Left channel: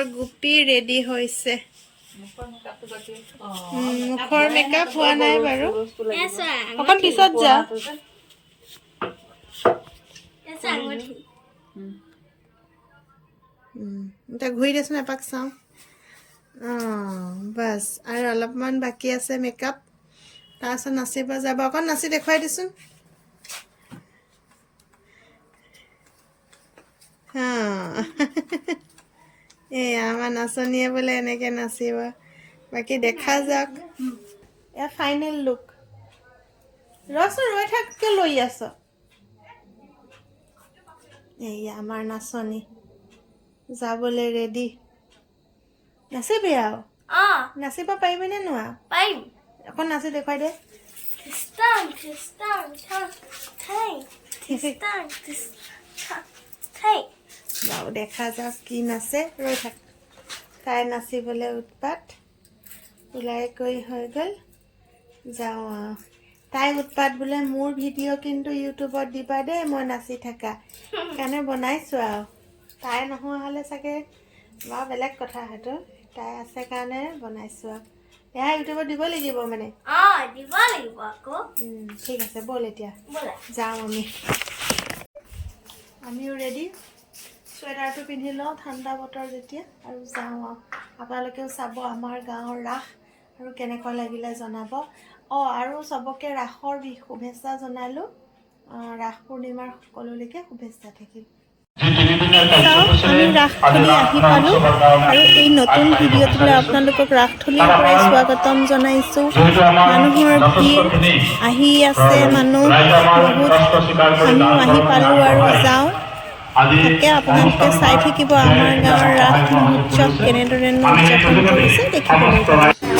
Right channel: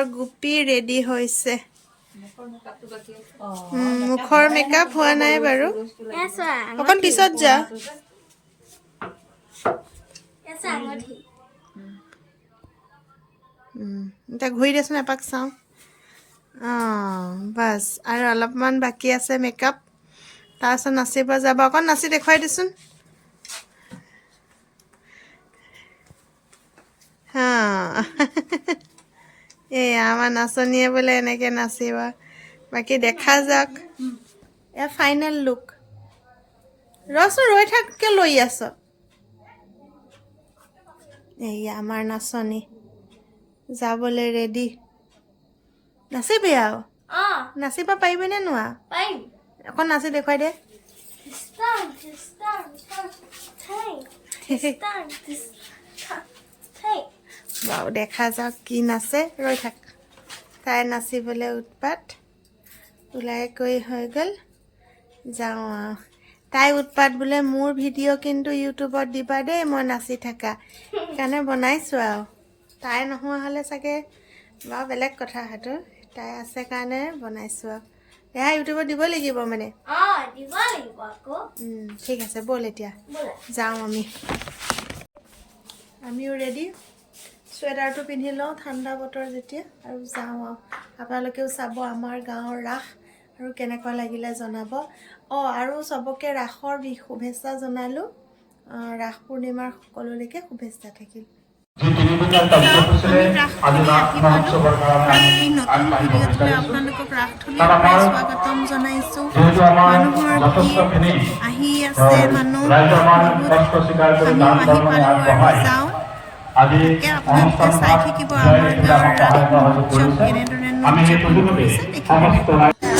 our Gopi ready hoise. Mukhor makeup hua nai baru. Okon pisot ja. Ta ঘুৰি দেছ না পাক চাও বাস আৰু অলপমান বাকি আছে মেকআপ তাছ নাচিব যাব অকন নাচি দেখুৱাই দিছুন এ আমাৰ নাচনিয়ে বলে এনেকে নাচিবা বাকি দেখা যাক এ ফাইনাল লুক ৰস ৰৈ থাককে লৈ আছ এই আমাৰ নাচনি যাবলে ৰেডি নাচিবি আও নাচিবা পাৰিবি নে নোৱা পাৰিম অকন নাচি দেখুৱাই দে বাও দেখা যাক কি নাচে ৰৈ থাক তাই নাচিবলে উৎপাত উলাই কৈ হৈ গল যাও তাই উৎপাত বোলে মোৰ ভিডিও কিন্তু ইউটিউবত দিবা দে মই নাচি থাকা কানে বনাইছো আও তাই নহোৱা হলে চাগে বা বেলেগ কথা হতো তাই আছে কাৰণে বনাইছো এয়া ইউটিউবত দিব লাগিব মানে দিব লাগিব আকৌ ঠিক আছে বল এতিয়া যাও আমিও ৰেডি সোয়েটাৰটো পিন্ধি লওঁ ঠাণ্ডা বতৰ যেতিয়া আৰু যাওঁ আপোনালোকেও চাব আমাৰ গাঁৱৰ ৰাস আৰু কেনেকুৱা লাগিলে জনাব আৰু সবকে ৰাসৰ শুভেচ্ছা জনালো ৰাস পূৰ্ণিমাৰ সকলোলৈকে শুভেচ্ছা থাকিল আমি ৰাসথলী আহি পালো আৰু এই নতুন ভিডিঅ'টোলৈ আপোনালোকক ৰাসথলীৰ পৰাই স্বাগতম জনাইছো মানুহৰ ভিৰ আহি আছে মানুহ বহুত আমিও আহি পালো আৰু যাওঁ তাকে আপোনালোকে চাই থাকিব আমাৰ গাঁৱৰ ৰাস মহোৎসৱ কেনেদৰে উদযাপন কৰিছে দেখিবলৈ পাব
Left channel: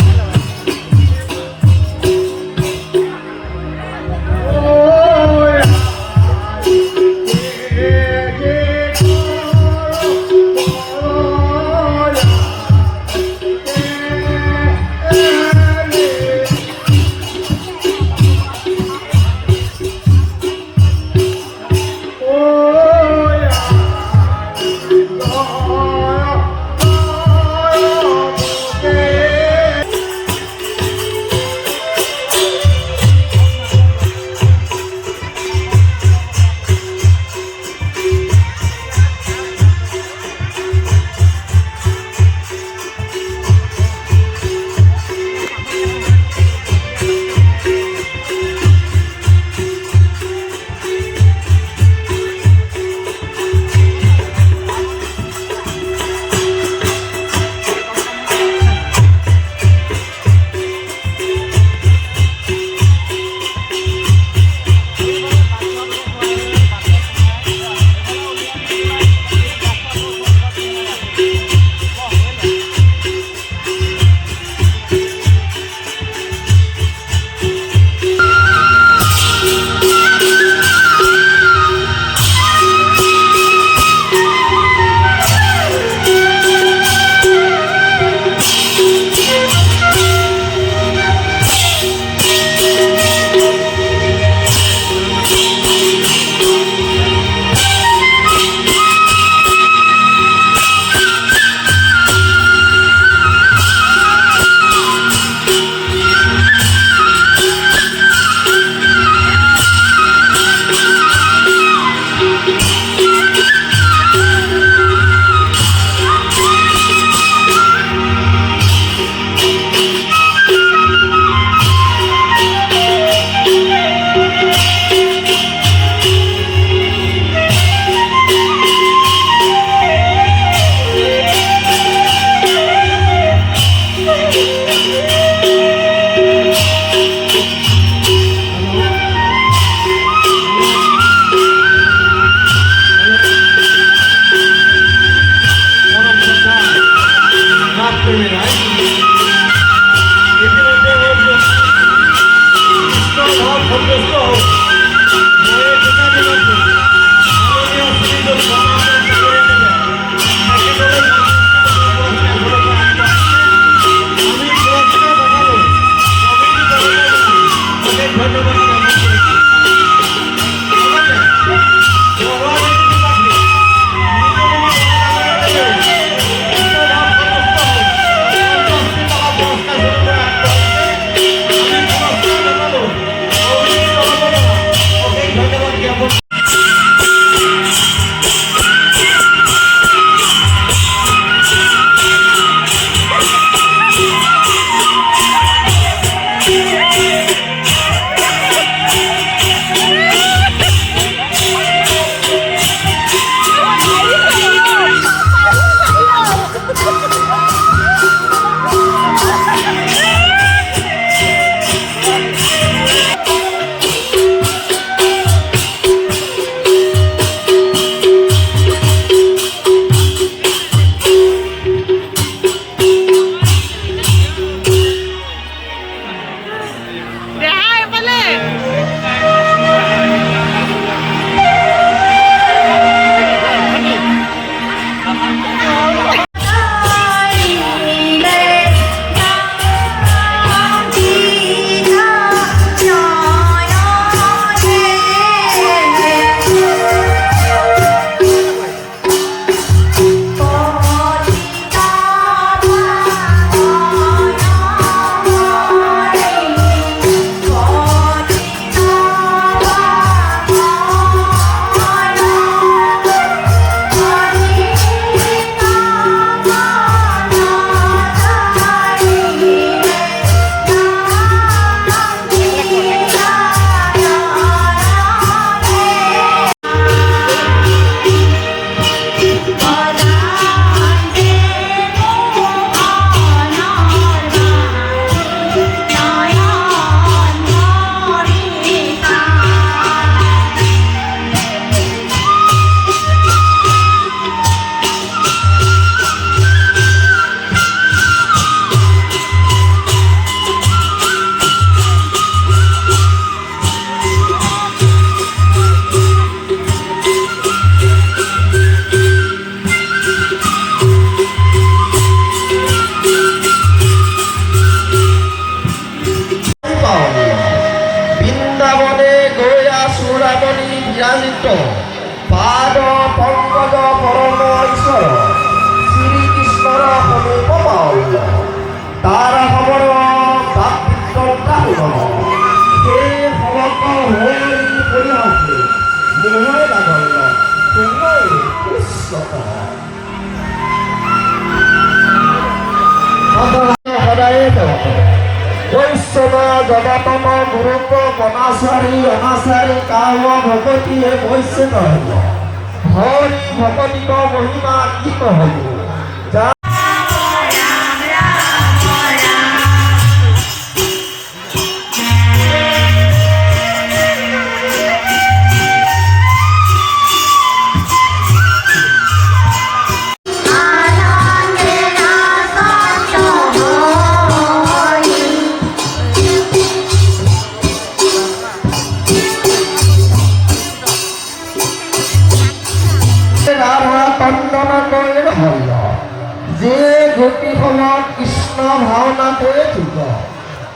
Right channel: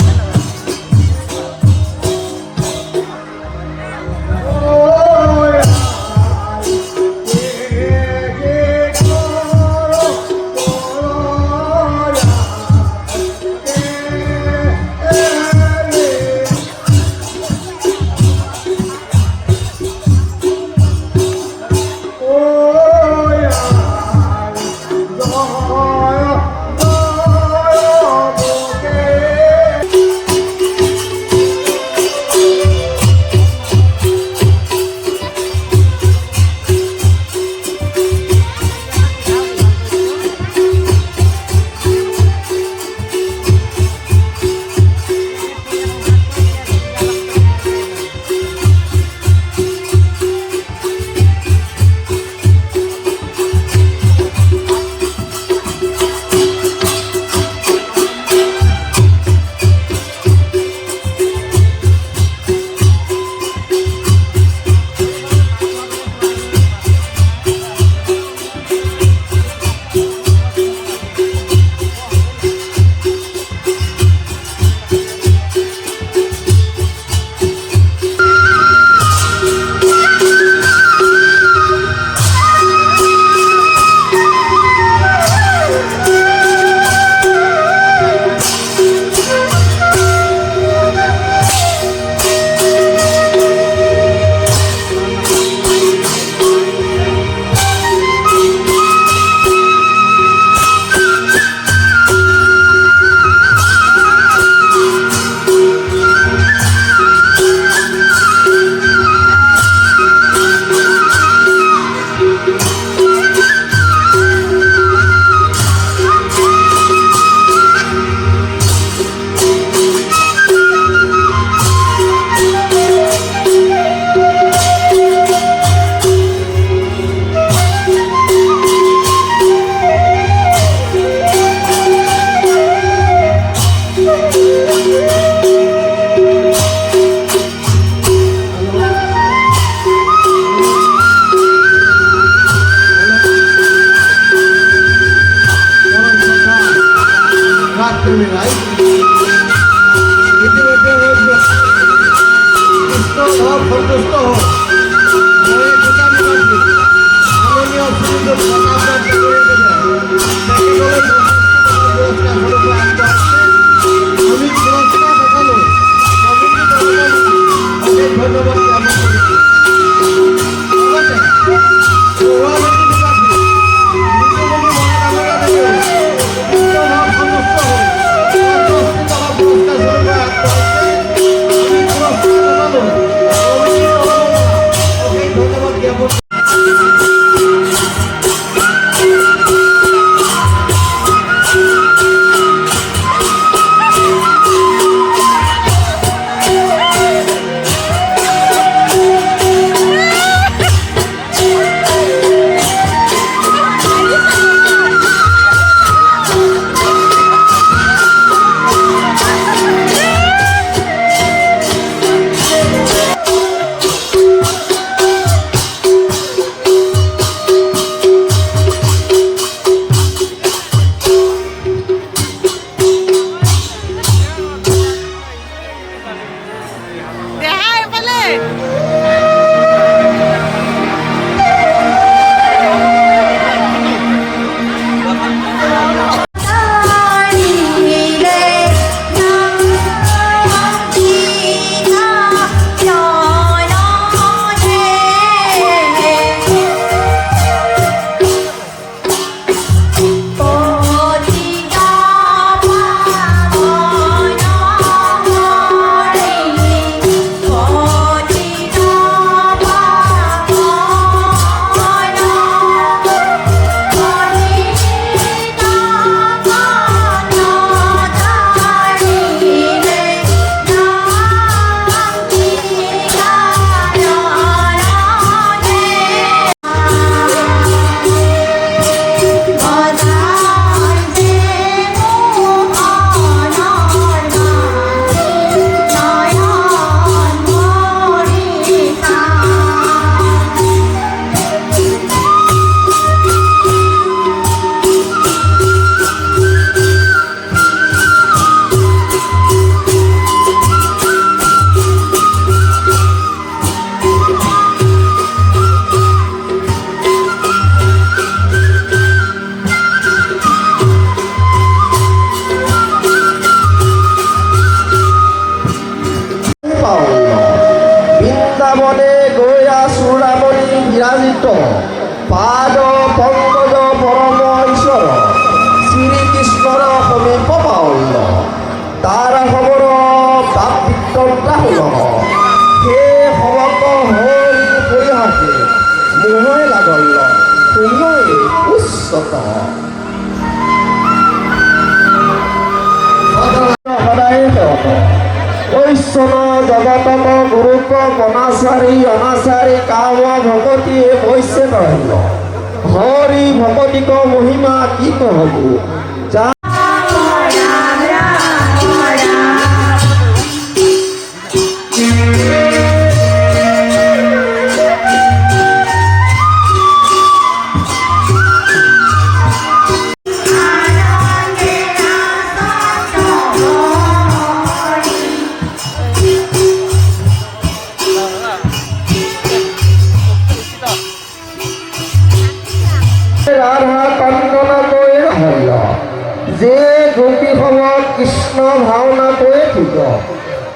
ভাওনাটোৱে ঠিক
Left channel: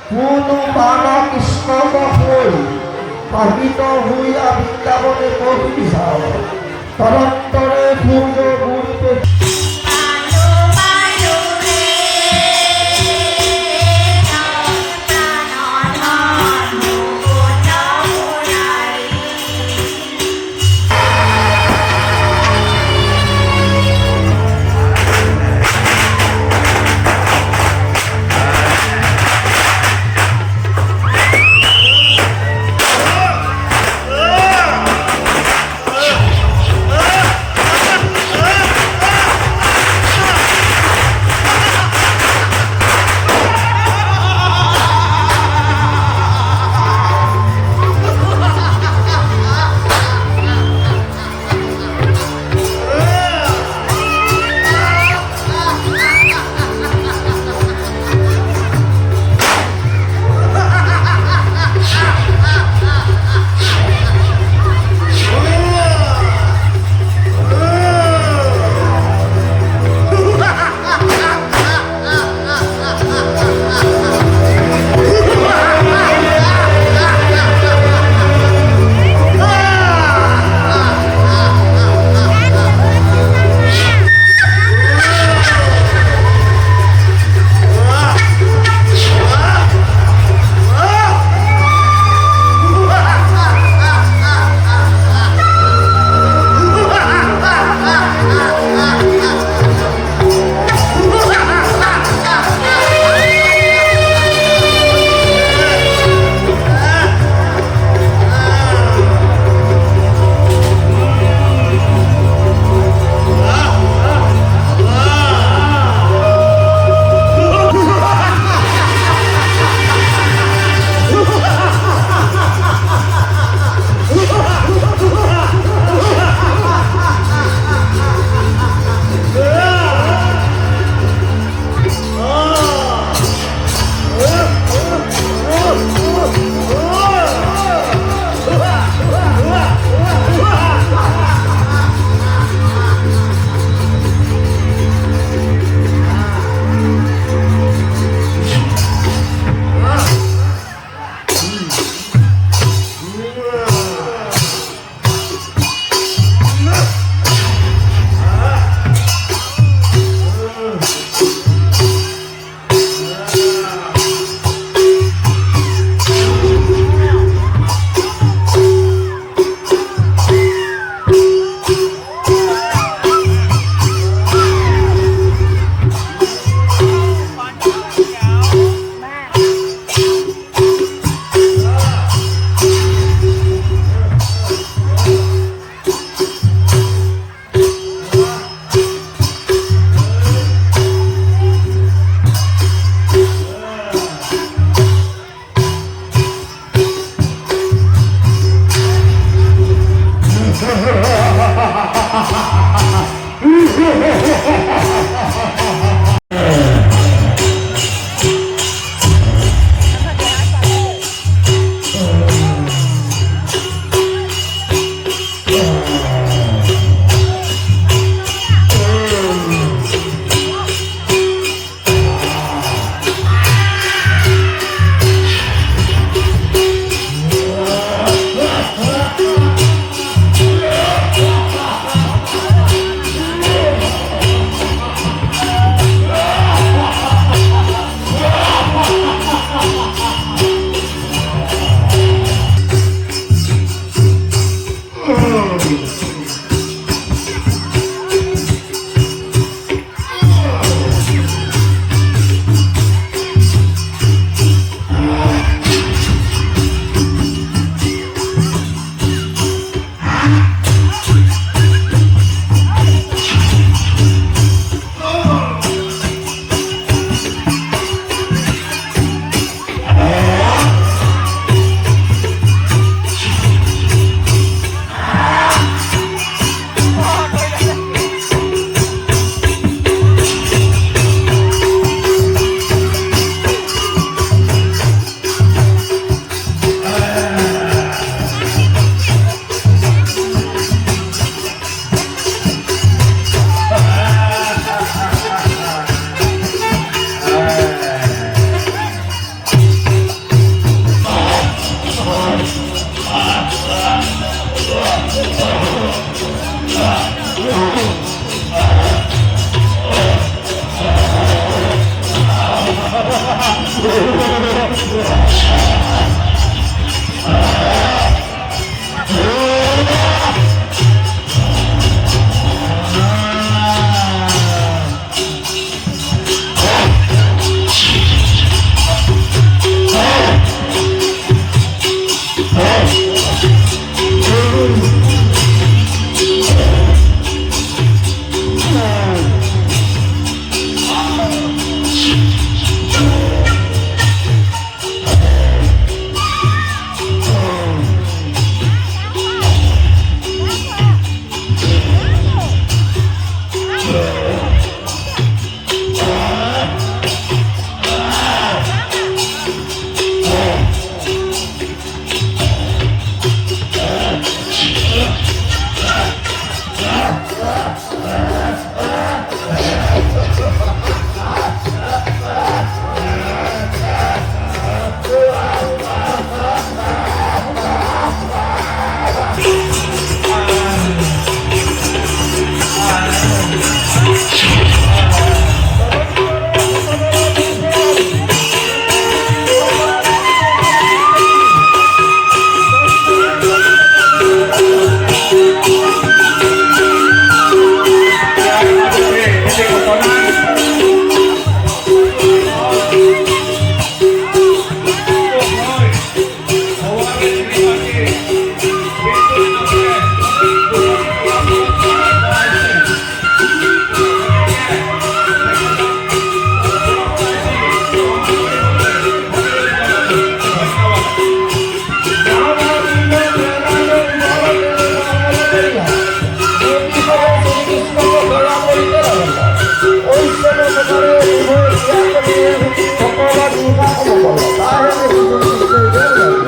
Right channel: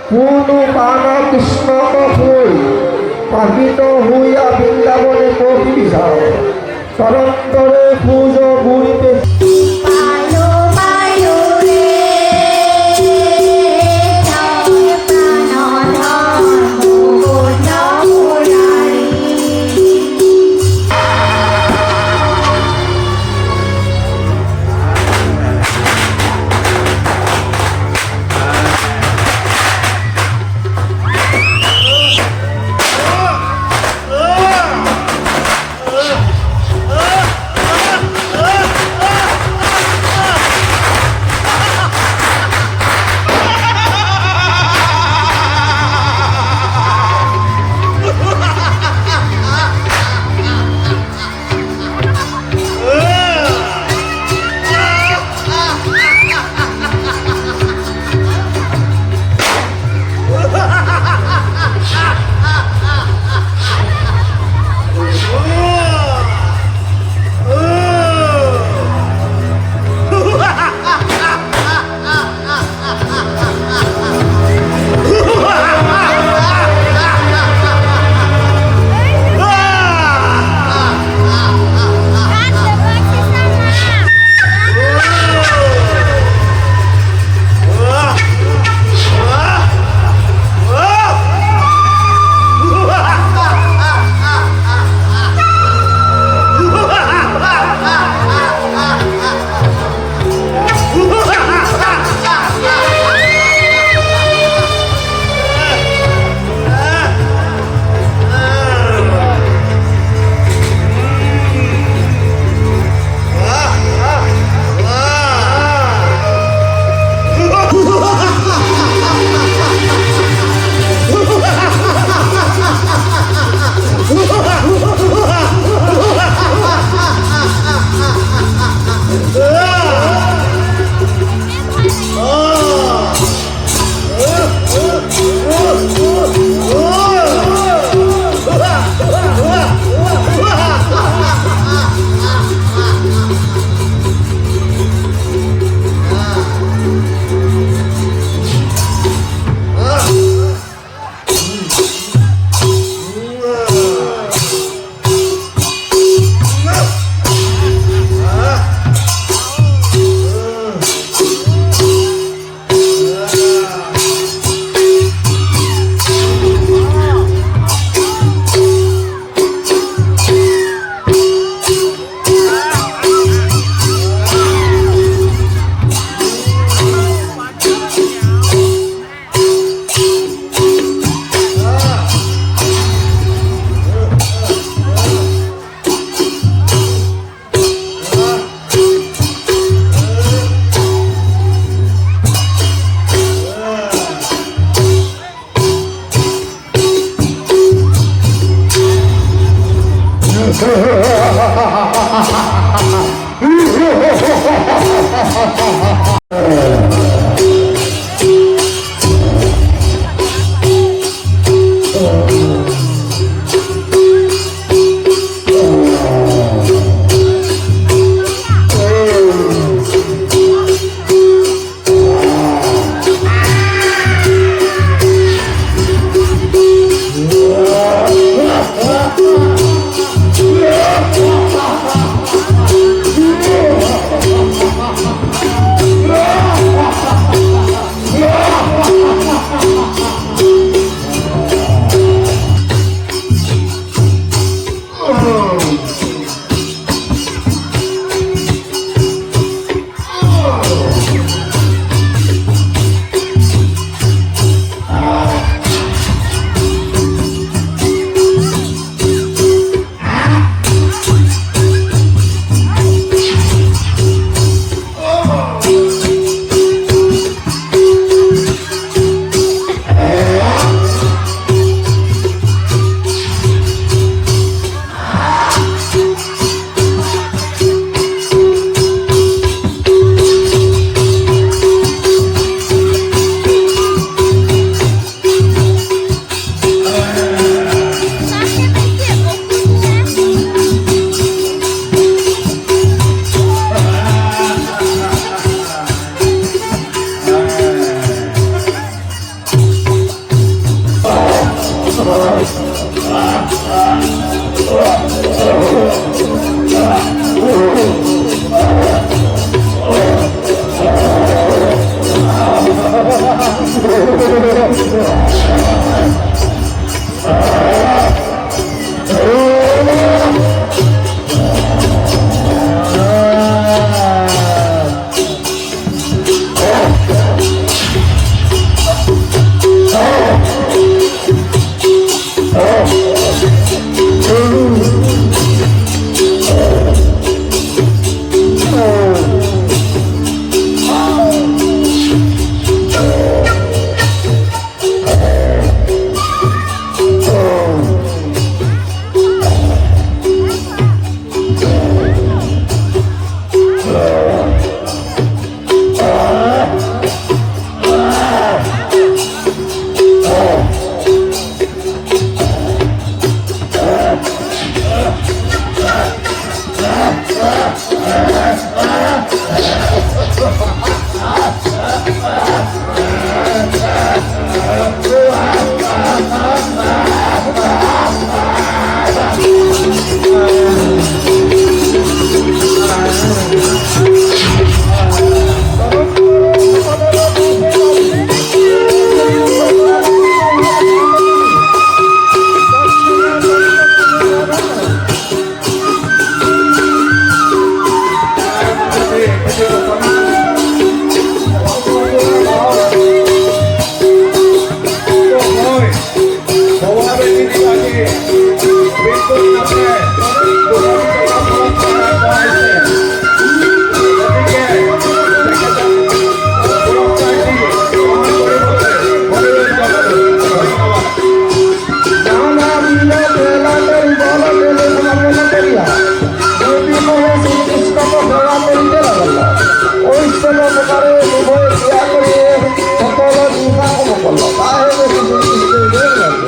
কোনো বান কৃষ্ণক শুই পাবি